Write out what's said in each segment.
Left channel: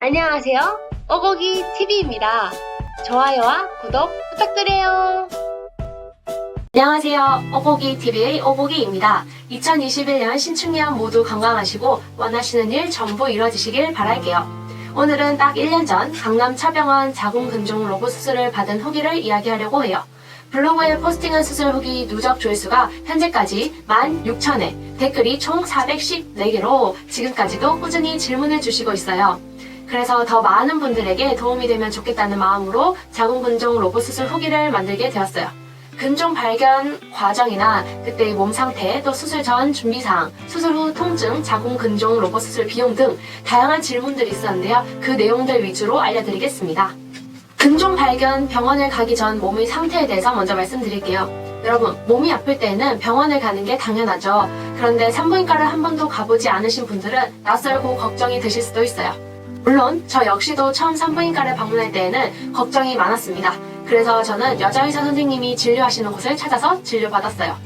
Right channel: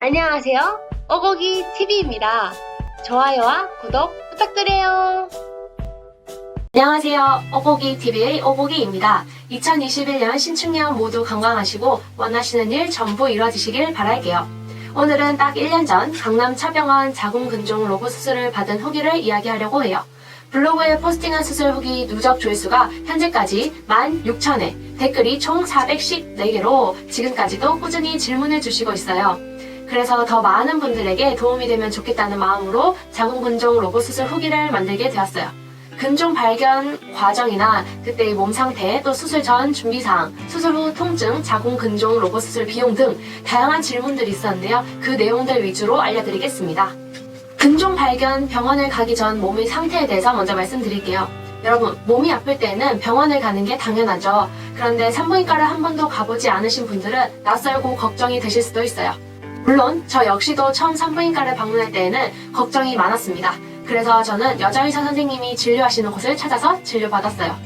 안녕하세요. 오고기 TV입니다. 좋아요와 구독 부탁드려요. 안녕하세요. 오고기 TV의 오고기입니다. 2021년 신축년 모두 건강하시고 원하시는 일 전부 이뤄지시길 바랄게요. 오늘은 딱 1년 전 강남 차병원 자궁근종 로봇 수술을 받은 후기를 이야기하려고 해요. 블로그에 포스팅한 수술 후기 누적 조회수가 현재까지 16,000회, 댓글이 총 414개로 지금까지도 꾸준히 질문을 주시고 있어요. 그래서 더 많은 분들에게 도움이 되면 좋겠다는 마음으로 자궁근종 로봇 수술 후기를 만들게 되었어요. 근종 발견 과정이나 그때의 몸 상태, 또 수술 전 준비사항, 수술 후 통증, 자궁근종 로봇 수술 비용 등 다양한 질문들이 있었는데요. 그 내용들 위주로 알려드리겠습니다. 근종 발견 병원을 가기 전 몸의 상태에 대해서 먼저 말씀드릴게요. 여러분, 몸이 아플 때에는 병원을 가는 게 당연하죠. 그런데 산부인과를 한 번도 가보지 않으신 분들은 낯설고 걱정이 되실 수도 있어요. 물론 저 역시도 처음 산부인과를 방문할 때에는 걱정이 많았습니다. 그래서 저는 여자의사 선생님이 진료하시는 곳을 찾아서 진료받았어요.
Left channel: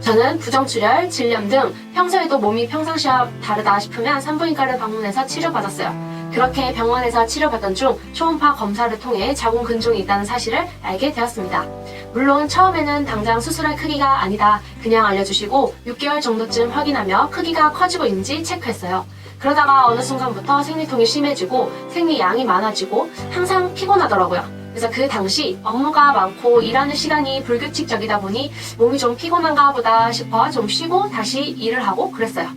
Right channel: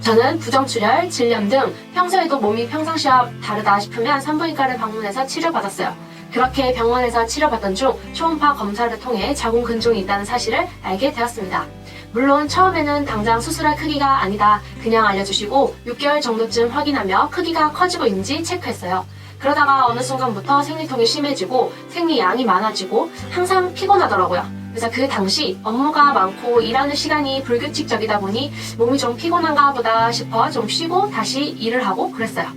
저는 부정출혈, 질염 등 평소에도 몸이 평상시와 다르다 싶으면 산부인과를 방문해서 치료받았어요. 그렇게 병원에서 치료받던 중 초음파 검사를 통해 자궁근종이 있다는 사실을 알게 되었습니다. 물론 처음에는 당장 수술할 크기가 아니다 그냥 알려주시고 6개월 정도쯤 확인하며 크기가 커지고 있는지 체크했어요. 그러다가 어느 순간부터 생리통이 심해지고 생리양이 많아지고 항상 피곤하더라고요. 그래서 그 당시 업무가 많고 일하는 시간이 불규칙적이다 보니 몸이 좀 피곤한가 보다 싶어 좀 쉬고 다시 일을 하고 그랬어요.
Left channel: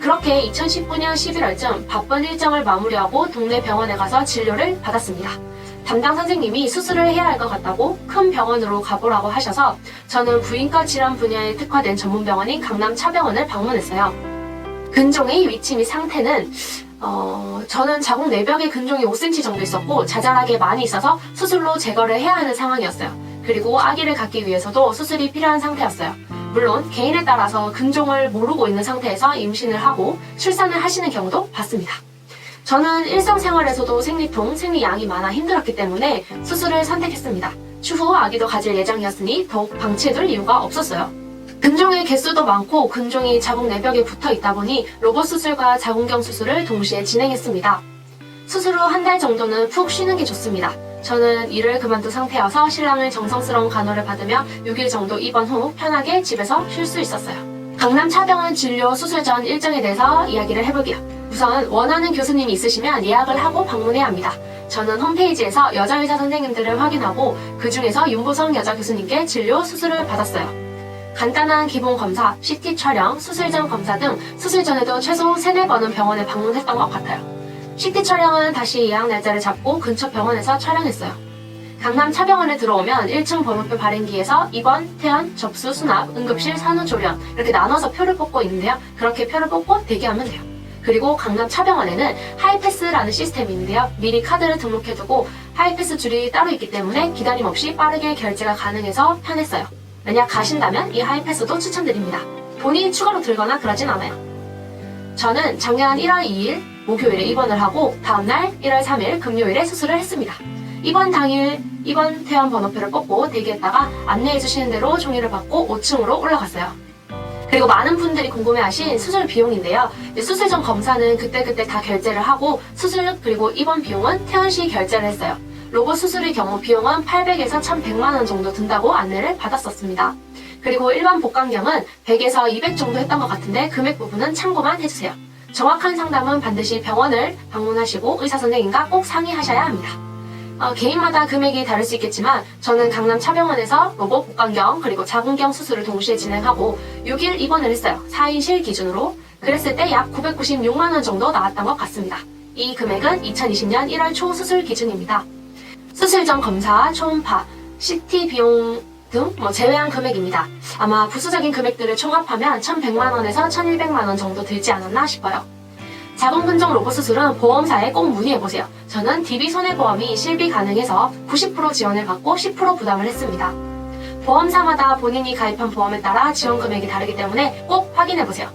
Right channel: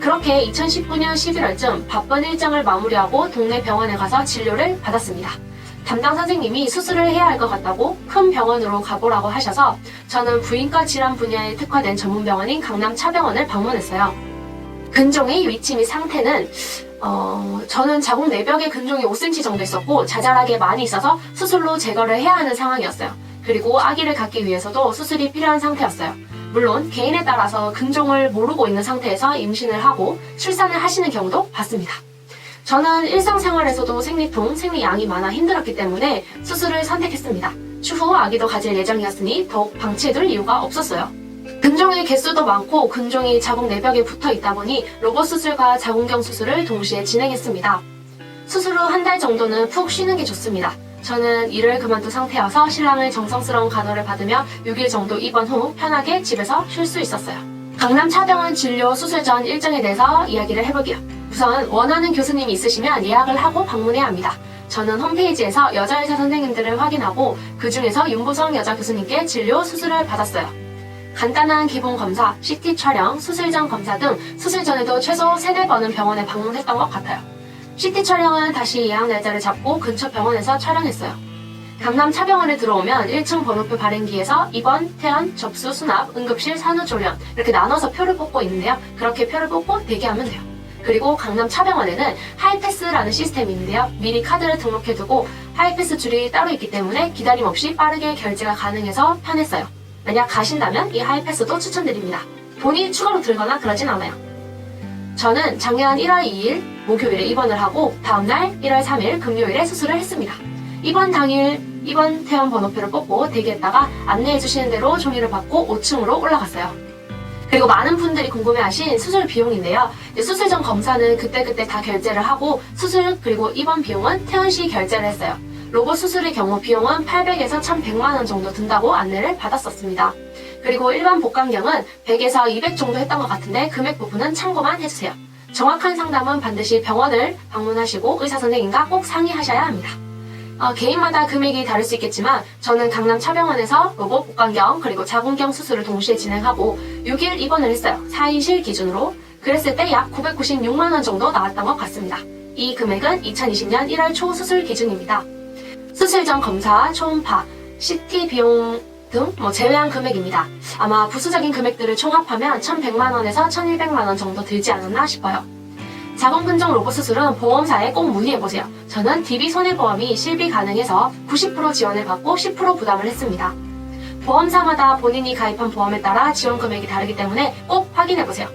그렇게 2019년 11월쯤 바쁜 일정을 마무리하고 동네 병원에 가서 진료를 받았습니다. 담당 선생님이 수술을 해야 할 것 같다고 큰 병원으로 가보라고 하셔서 저는 부인과 질환 분야에 특화된 전문 병원인 강남 차병원을 방문했어요. 근종의 위치 및 상태는 저는 자궁 내벽에 근종이 5cm 정도 있었고 자잘하게 많이 있어서 수술로 제거를 해야 하는 상황이었어요. 그리고 아기를 갖기 위해서도 수술이 필요한 상태였어요. 물론 개인에 따라서 근종을 모르고 있는 상태에서 임신을 하고 출산을 하시는 경우도 봤습니다. 저는 일상생활에서도 생리통, 생리양이 많아 힘들었기 때문에 수술을 선택했습니다. 추후 아기도 가질 예정이었으니 더욱 방치해둘 이유가 없었어요. 근종의 개수도 많고 근종이 자궁 내벽에 붙어 있다 보니 로봇 수술과 자궁경 수술을 동시에 진행했습니다. 수술 후 한 달 정도는 푹 쉬는 게 좋습니다. 저는 일을 그만둔 상태여서 신랑을 정성스러운 간호를 받으며 6일 정도 입원 후 편하게 집에서 쉴 수 있었어요. 강남 차병원 진료 수술 전 일정에 대해서 이야기를 해볼게요. 우선 원하는 교수님이 있으시면 예약을 하고 방문해야 합니다. 저는 홈페이지에서 여자의사 선생님들을 확인하고 그 중에서 윤보성 여자 교수님께 진료 수술을 받았어요. 간단한 기본 검사, CT 촬영, 수술 전 검사 등 수술 전에도 최소 3-4번은 병원에 방문했던 것 같아요. CT 촬영은 다시 예약 날짜를 잡고 근처 병원에서 촬영했어요. 강남 차병원에 들어오면 1층 번호표 발행기에서 입원, 퇴원, 접수, 수납, 응급실, 산후조리원 이렇게 나눠서 표를 뽑고 있는데요. 그렇게 표를 뽑고 대기하면 돼요. 그리고 강남 차병원에는 하이패스라는 시스템이 있는데요. 미리 카드를 등록해두고 하이패스 줄이 따로 있기 때문에 기다림 없이 빠르게 결제가 가능해서 편했어요. 만약 가신다면 이 하이패스도 추천드립니다. 본인이 추가로 들거나 그러진 않아요. 저는 작년 1월 2일 목요일에 입원을 하고 다음날 1월 3일 금요일에 수술을 했습니다. 입원 당일 입원 퇴원 번호표를 뽑고 대기했다가 안내해 주시는 대로 종이를 받고 5층으로 올라갔어요. 그리고 많은 분들이 궁금해하신 수술 비용인데요. 수술 전 검사는 그때그때 다 결제를 하고 수술 그리고 입원 비용은 퇴원 시 결제를 했어요. 로봇 수술의 경우 비용은 800에서 1100만 원 정도 든다고 안내를 받았었습니다. 그리고 일반 복강경은 100에서 200 정도 했던 것 같은데 금액 부분은 참고만 해주세요. 정확한 상담은 반드시 병원을 방문하시고 의사 선생님과 꼭 상의하셔야 합니다. 개인마다 금액이 다를 수 있겠지만 저는 강남 차병원에서 로봇 복강경 그리고 자궁경 수술을 동시에 진행하고 6일 입원을 했어요. 4인실 기준으로. 그랬을 때 약 996만 원 정도 나왔던 것 같습니다. 이 금액은 2020년 1월 초 수술 기준입니다. 수술 전 검사, 초음파, CT 비용 등 제외한 금액입니다. 아마 부수적인 금액들을 총합하면 1100만 원에서 1200만 원 정도 들지 않았나 싶어요. 자궁근종 로봇 수술은 보험사에 꼭 문의해보세요. 저는 DB손해보험이 실비 가능해서 90% 지원을 받고 10% 부담을 했습니다. 보험사마다 본인이 가입한 보험에 따라 지원 금액이 다르기 때문에 꼭 확인해보세요.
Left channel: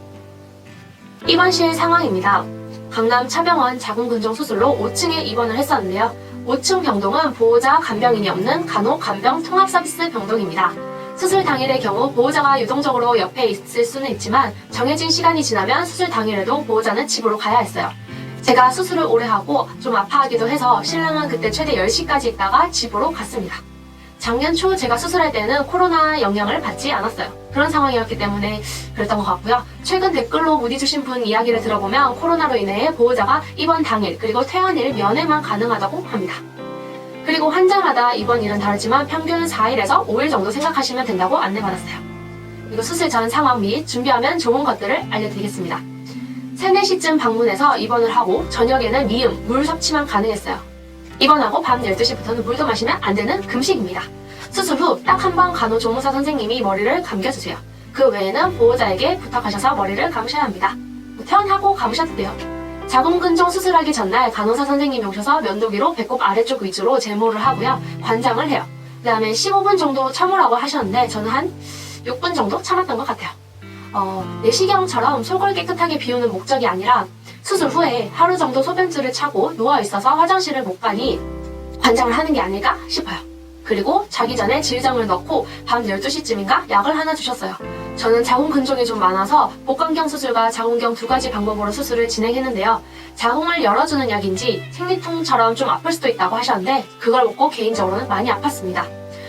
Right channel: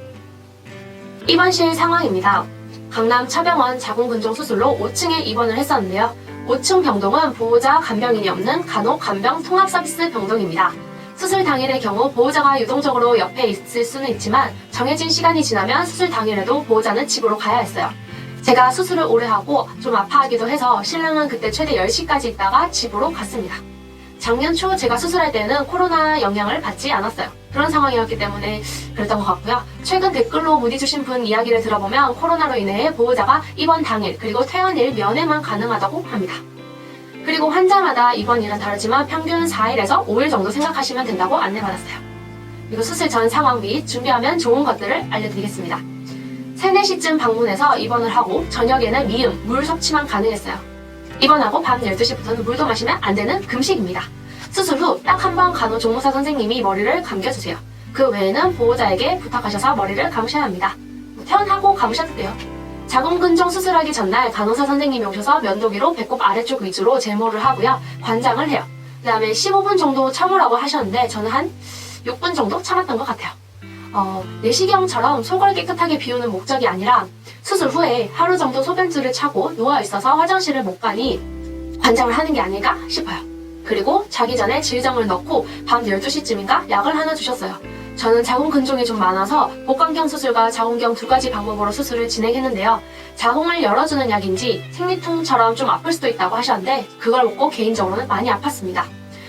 입원실 상황입니다. 강남 차병원 자궁근종 수술로 5층에 입원을 했었는데요. 5층 병동은 보호자 간병인이 없는 간호 간병 통합 서비스 병동입니다. 수술 당일의 경우 보호자가 유동적으로 옆에 있을 수는 있지만 정해진 시간이 지나면 수술 당일에도 보호자는 집으로 가야 했어요. 제가 수술을 오래 하고 좀 아파하기도 해서 신랑은 그때 최대 10시까지 있다가 집으로 갔습니다. 작년 초 제가 수술할 때는 코로나 영향을 받지 않았어요. 그런 상황이었기 때문에 그랬던 것 같고요. 최근 댓글로 문의 주신 분 이야기를 들어보면 코로나로 인해 보호자가 입원 당일 그리고 퇴원일 면회만 가능하다고 합니다. 그리고 환자마다 입원일은 다르지만 평균 4일에서 5일 정도 생각하시면 된다고 안내받았어요. 그리고 수술 전 상황 및 준비하면 좋은 것들을 알려드리겠습니다. 3, 4시쯤 방문해서 입원을 하고 저녁에는 미음, 물 섭취만 가능했어요. 입원하고 밤 12시부터는 물도 마시면 안 되는 금식입니다. 수술 후 딱 한 번 간호조무사 선생님이 머리를 감겨주세요. 그 외에는 보호자에게 부탁하셔서 머리를 감으셔야 합니다. 퇴원하고 감으셔도 돼요. 자궁근종 수술하기 전날 간호사 선생님이 오셔서 면도기로 배꼽 아래쪽 위주로 제모를 하고요. 관장을 해요. 그 다음에 15분 정도 참으라고 하셨는데 저는 한 6분 정도 참았던 것 같아요. 내시경처럼 속을 깨끗하게 비우는 목적이 아니라 수술 후에 하루 정도 소변줄을 차고 누워있어서 화장실을 못 가니 관장을 하는 게 아닐까 싶어요. 그리고 자기 전에 질정을 넣고 밤 12시쯤인가 약을 하나 주셨어요. 저는 자궁근종이 좀 많아서 복강경 수술과 자궁경 2가지 방법으로 수술을 진행했는데요. 자궁을 열어주는 약인지 생리통처럼 좀 아플 수도 있다고 하셨는데 그걸 먹고 개인적으로는 많이 아팠습니다.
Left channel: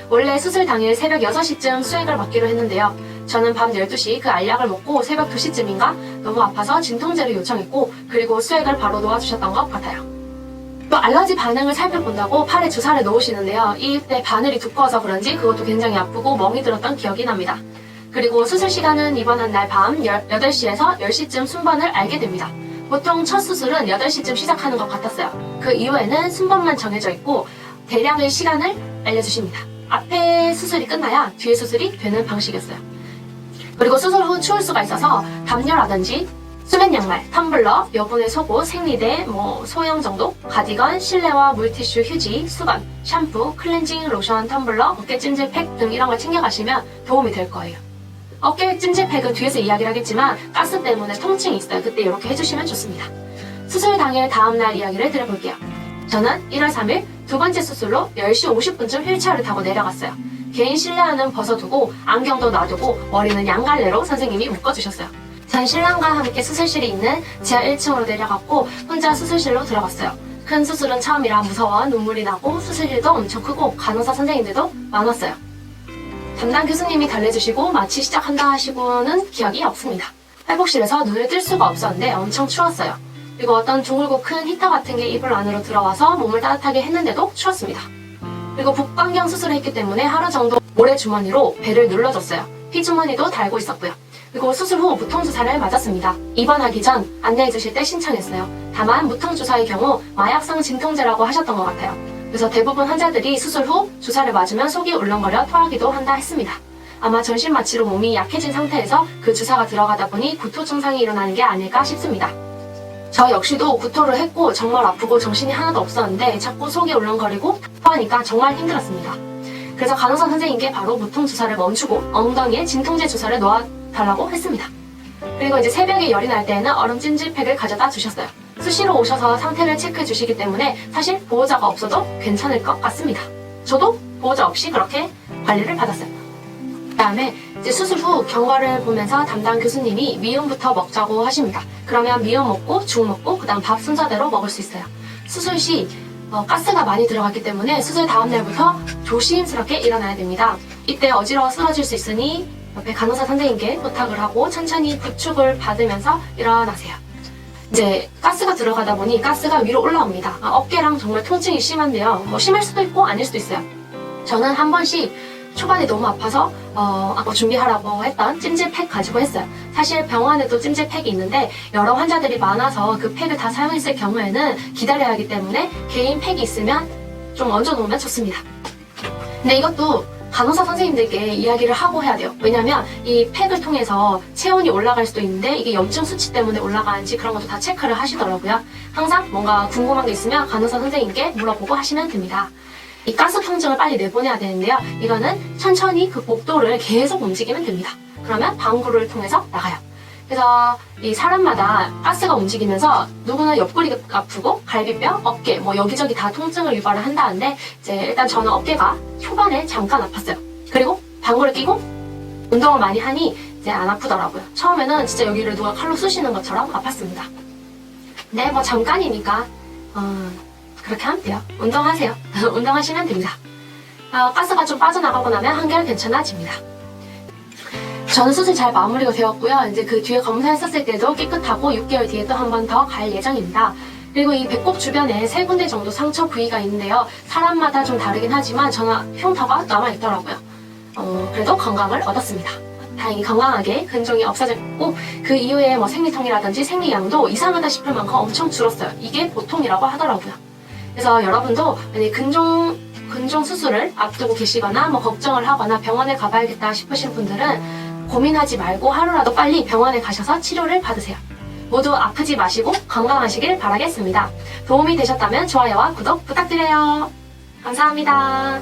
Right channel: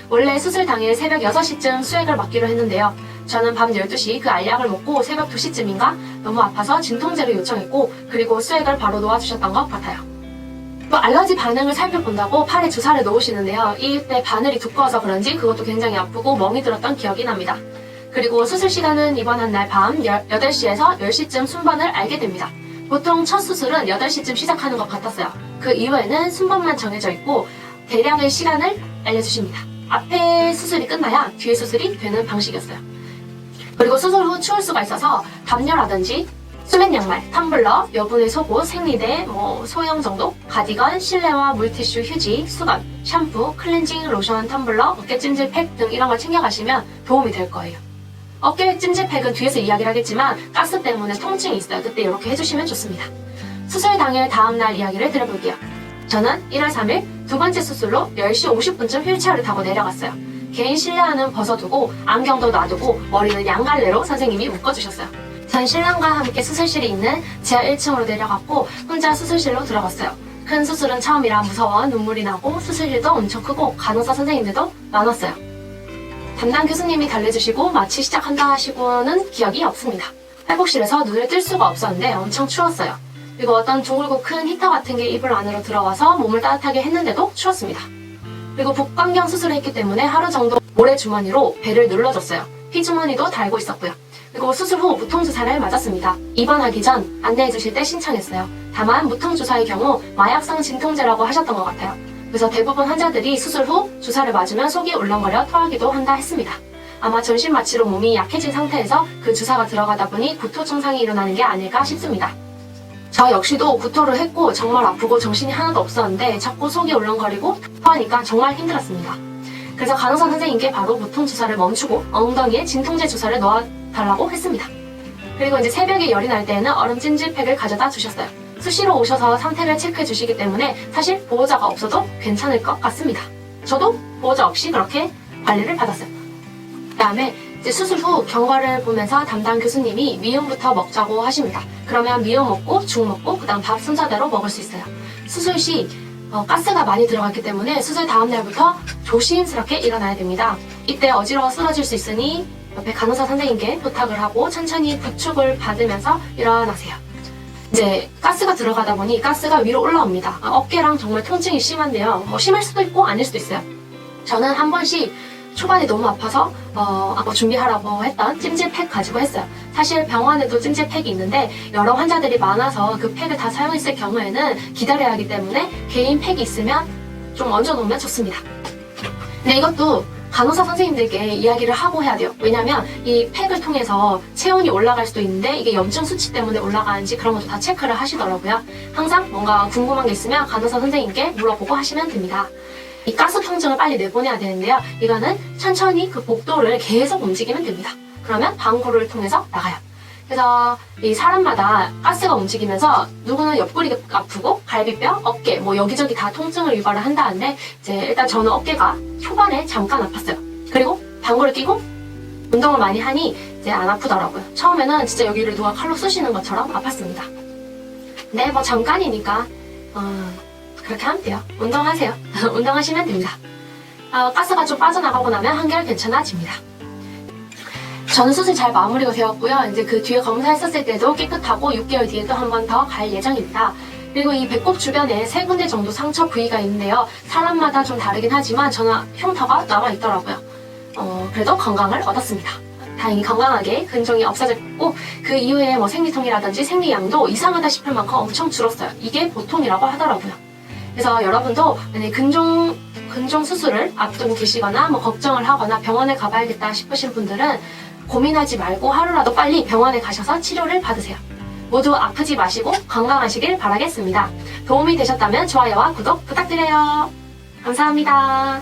원래 수술 당일 새벽 6시쯤 수액을 맞기로 했는데요. 저는 밤 12시 그 알약을 먹고 새벽 2시쯤인가 너무 아파서 진통제를 요청했고 그리고 수액을 바로 놓아주셨던 것 같아요. 또 알러지 반응을 살펴본다고 팔에 주사를 놓으시는데요. 이때 바늘이 두꺼워서 그런지 그것도 굉장히 아프고 멍이 들었던 기억이 납니다. 그리고 수술 시간은 입원한 날 밤 8시에서 10시쯤 순번을 알게 됩니다. 보통 첫 수술은 8시쯤 시작하는 것 같았어요. 그 이후에는 순번만 정해져 있고 대략의 시간을 알려주십니다. 앞에 수술이 끝나야 뒤에 수술이 되는 방식이었어요. 그리고 수술 후 추울 수가 있어서 담요라든지 수면 양말, 텀블러, 여분의 속옷, 생리대, 소형 정도, 가디건, 실내화, 물티슈, 휴지, 수건, 샴푸, 클렌징, 로션, 텀블러, 어깨 찜질팩 등 이런 걸 챙겨가시면 도움이 될 거예요. 어깨 찜질팩은 뒤에서 이야기를 하겠지만 가스 때문에 통증이 있어요. 그때 이렇게 해주시면 좋습니다. 수술 당일 다음날 이야기를 드려볼게요. 저는 1월 3일 두 번째 수술로 10시 50분쯤 휠체어를 타고 내려갔어요. 개인 실내화는 벗어두고 안경도 놔두고 머리는 양갈래로 선생님이 묶어주셨어요. 전 신랑과 함께 수술실이 있는 지하 1층으로 내려갔고 혼자 수술실로 들어갔어요. 큰 수술은 처음이라 무서워 눈물이 나고 수술실도 엄청 크고 간호사 선생님들도 많았어요. 담당 교수님이 달래주시고 마취 시작한다 하시고는 기억이 없습니다. 회복실에서 눈을 뜰 수가 없었는데 엄청 추웠어요. 그리고 어떤 둥글고 큰 히터 같은 게 이불 안으로 들어와서 몸을 따뜻하게 했는데도 추웠습니다. 그리고 복강경 수술을 했기 때문에 하루 정도 모래주머니로 배를 눌러줬어요. 피주머니도 달고 있었고요. 그리고 수술 후 무통주사를 맞았습니다. 입원하기 전 안내해주실 때 신청했어요. 다만 무통주사의 경우 마약성 진통제라고 하셨던 것 같아요. 그래서 대부분 환자들이 수술 후 주사를 맞으면 속이 울렁거려 토하기도 한다 했습니다. 아마 전신 마취로 몸이 약해진 상태에서 그 주사가 들어가다 보니 구토 증상이 일어나는 게 아닐까 싶습니다. 저 역시도 구토를 했고 정말 아프고 정신이 하나도 없었는데 자꾸 속이 울렁거리고 토하니까 정말 힘들었습니다. 그래서 간호사 선생님께 바로 무통주사를 멈추고 엉덩이에 진통제 주사를 놓아달라고 했습니다. 그리고 이제 새벽에 열이 날 때에는 얼음 찜질팩을 가져다 주셨어요. 수시로 오셔서 상태를 체크해 주시기 때문에 사실 보호자가 없어도 괜찮을 것 같습니다. 저도 보호자 없이 그렇게 관리를 받았어요. 그 다음에 이제 수술 후 경과를 보면서 담당 교수님이 미음부터 먹자고 하십니다. 그러면 미음 먹고 죽 먹고 그 다음 밥 순서대로 먹을 수 있어요. 수술 시 가스가 많이 들어갔기 때문에 수술 다음 날부터 조심스럽게 일어나야 됩니다. 이때 어지러워 쓰러질 수 있으니 옆에 간호사 선생님께 부탁을 하고 천천히 부축을 받으면서 일어나세요. 이제 가스가 들어가다 보니 가스가 위로 올라옵니다. 어깨랑 정말 통증이 심한데요. 심할 수도 있고 아닐 수도 있어요. 저는 한 번씩 초반에 너무 아파서 준비하라고 했던 찜질팩 가지고 했어요. 사실 병원에도 찜질팩이 있는데 여러 환자들이 많아서 그 팩을 다 사용했을 경우에는 기다려야 하기 때문에 개인 팩이 있으면 좀 얹어놓으면 좋습니다. 근데 이것도 간호사 선생님들께 이야기를 하고 해야 돼요. 왜냐면 이 팩을 통해서 체온이 올라갈 수도 있는데 이게 염증 수치 때문에 올라가는지 그런 것도 다 체크를 하시더라고요. 항상 뭔가 궁금한 게 있으면 간호사 선생님께 물어보고 하시면 됩니다. 이 가스 통증을 빨리 내보내야 되는데요. 이거는 천천히 그 복도를 계속 움직이면 됩니다. 그러면 방구를 통해서 나가요. 그래서 이 사람마다 가스가 움직이면서 누구나 옆구리가 아프고 갈비뼈, 어깨 여기저기 다 통증을 유발을 한다는데 이제 일단 저는 어깨가 초반에 잠깐 아팠어요. 그리고 방구를 끼고 운동을 많이 하니 이제 안 아프더라고요. 처음에는 진짜 여기를 누가 칼로 쑤시는 것처럼 아팠습니다. 네, 뭐 잠깐이니까 그렇게 하면 돼요. 운동하세요. 운동하시면 됩니다. 가스가 좀 빠져나가고 나면 한결 괜찮아집니다. 저는 수술 잘 마무리가 되었고요. 이제 그 뒤에 검사했었을 때도 깨끗하고 6개월 뒤에 또 한 번 더 갈 예정입니다. 그리고 이 배꼽 주변에 3군데 정도 상처 부위가 있는데요. 사람마다 좀 다르긴 하지만 저는 흉터가 남아있더라고요. 그래도 건강을 얻었습니다. 다행히 건강하게 근종이 없어졌고 그 이후에 뭐 생리통이라든지 생리량도 이상하다 싶을 만큼 엄청 줄었어요. 이게 보통이라고 하더라고요. 그래서 여러분도 만약에 근종 수술을 앞두고 계시거나 뭐 걱정을 하거나 병원에 가봐야겠다 싶으신 분들은 고민하지 말고 하루라도 빨리 병원에 가셔서 치료를 받으세요. 모두 아프지 마시고 건강하시길 바라겠습니다. 도움이 되셨다면 좋아요와 구독 부탁드려요. 감사합니다.